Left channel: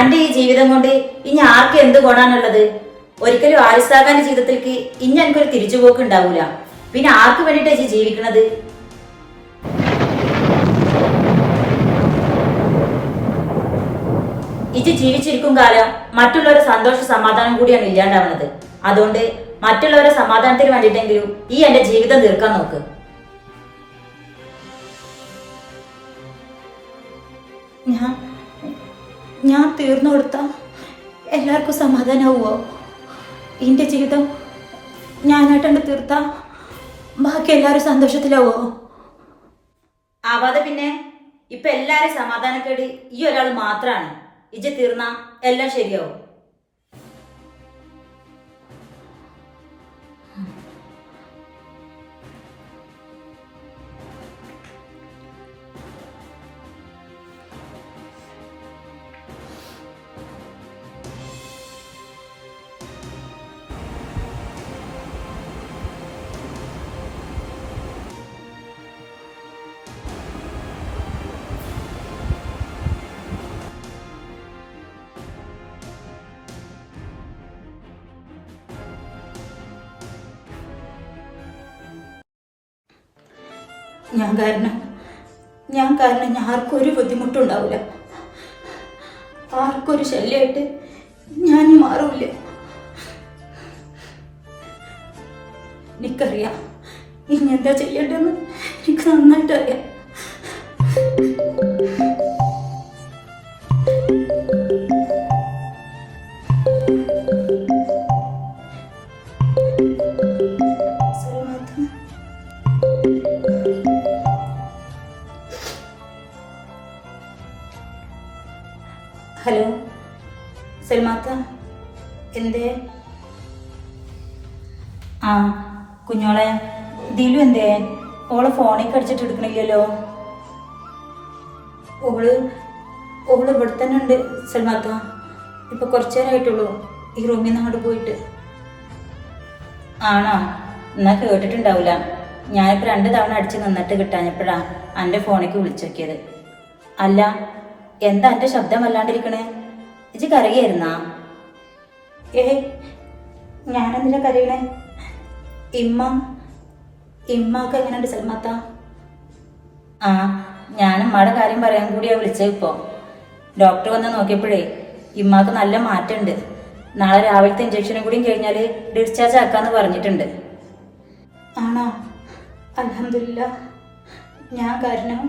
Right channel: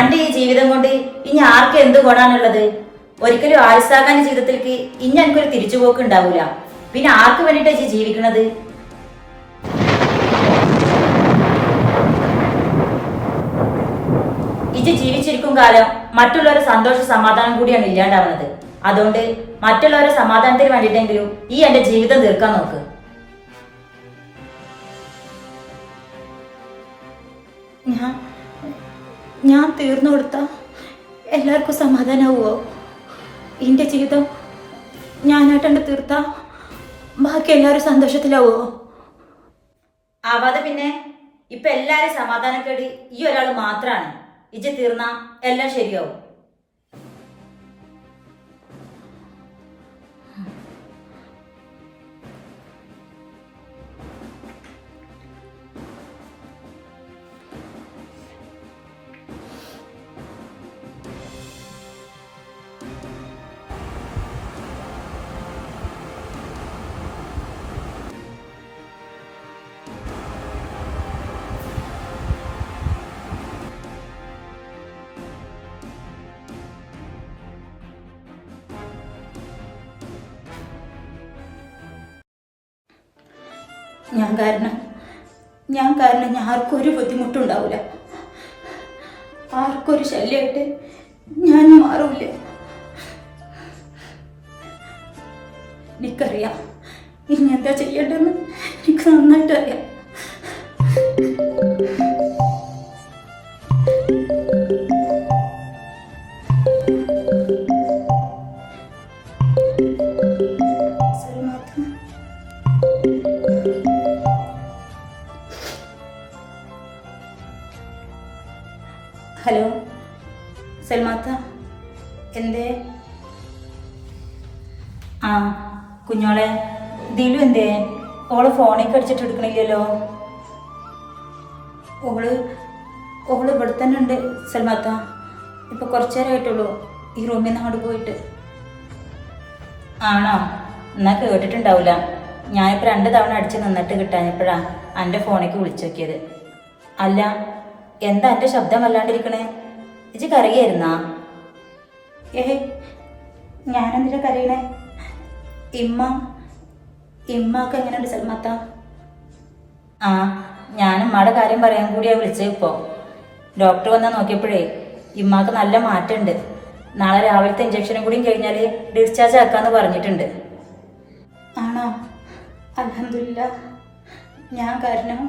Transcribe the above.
അന്റെ ഈ ജീവിതം കൊണ്ട് ഇനി ആർക്ക് എന്ത് ഗുണാണുള്ളത്? ഒരിക്കലും ആരിസാഖാന്റെ ജീവിതത്തിലേക്ക് ഇനി എനിക്കൊരു തിരിച്ചുപോക്ക് ഉണ്ടാവൂല. പിന്നെ ആർക്ക് വേണ്ടിയിട്ടാ ഇജ്ജ് ജീവിക്കണത്? ഇജ്ജ് ജീവിച്ചിരിക്കും കാലം മറ്റുള്ളവരുടെ സന്തോഷ സമാധാനം കൂടിയാണ് ഇല്ലാണ്ടാവുന്നത്. അതുകൊണ്ട് മറ്റുള്ളവരുടെ സമാധാനത്തിന് വേണ്ടിയിട്ടെങ്കിലും ഈ എന്റെ ജീവിതം തീർക്കാൻ നോക്ക്. ഞാൻ തീർന്നു കൊടുത്താ എല്ലാവർക്കും സമാധാനമാവുമോ? എൻ്റെ ജീവിതം ഞാനായിട്ടുണ്ട് തീർത്താ ബാക്കി എല്ലാവരും സന്തോഷത്തിലാവോ? ആവാതെ പിന്നെ ഇപ്പൊ എല്ലാരും സമാധാനക്കേട് ഈ ഒരാൾ മാത്രാണ്. ഇജ്ജ് തീർന്നാ എല്ലാം ശരിയാവും. ഞാൻ കാരണം ആർക്കും ഒരു ബുദ്ധിമുട്ടുണ്ടാവില്ല. ആർക്കൊരു ശല്യമായിട്ട് ഞാൻ മാറൂല. എനിക്കറിയാം ഇനി എന്താ ചെയ്യേണ്ടതെന്ന്. എനിക്ക് നന്നായിട്ട് അറിയാം. ഹലോ സൽമാത്ത, എന്തേ? ആ കുഞ്ഞോളെ, ദിലു എന്തേ? ഓള് ഫോണിൽ കടിച്ചിട്ട് എടുക്കണില്ലല്ലോ. ഓള് ഇവിടെ തന്നെ ഉണ്ട് സൽമാത്ത. ഇപ്പൊ കുറച്ചു നേരമായിട്ടുള്ളൂ ഈ റൂമിൽ നിന്ന് അങ്ങോട്ട് പോയിട്ട്. ആണോ? എന്നാ കേട്ടിട്ടുണ്ടാവില്ല. ഞാനിപ്പോൾ 2 തവണ അടിച്ച് നിന്നിട്ട് കിട്ടാഞ്ഞപ്പോഴാ എൻ്റെ ഫോണിലേക്ക് വിളിച്ചു നോക്കിയത്. അല്ല, എന്താ എൻ്റെ ശബ്ദം വല്ലാണ്ടിരിക്കണേ? ഇജ്ജ് കരയായിരുന്നാ? ഞാനെന്തിനാ കരയണേ? ഇമ്മക്ക് എങ്ങനെയുണ്ട് സൽമാത്ത? ആ, ഞാൻ ഉമ്മയുടെ കാര്യം പറയാൻ കൂടിയാ വിളിച്ചത്. ഇപ്പോൾ ഡോക്ടർ വന്ന് നോക്കിയപ്പോഴേ ഇമ്മാക്ക് നല്ല മാറ്റമുണ്ട്. നാളെ രാവിലത്തെ ഇഞ്ചക്ഷനും കൂടിയും കഴിഞ്ഞാൽ ഡിസ്ചാർജ് ആക്കാന്ന് പറഞ്ഞിട്ടുണ്ട്. ആണോ? അൽഹംദുലില്ലാ. ഞാൻ കാരണം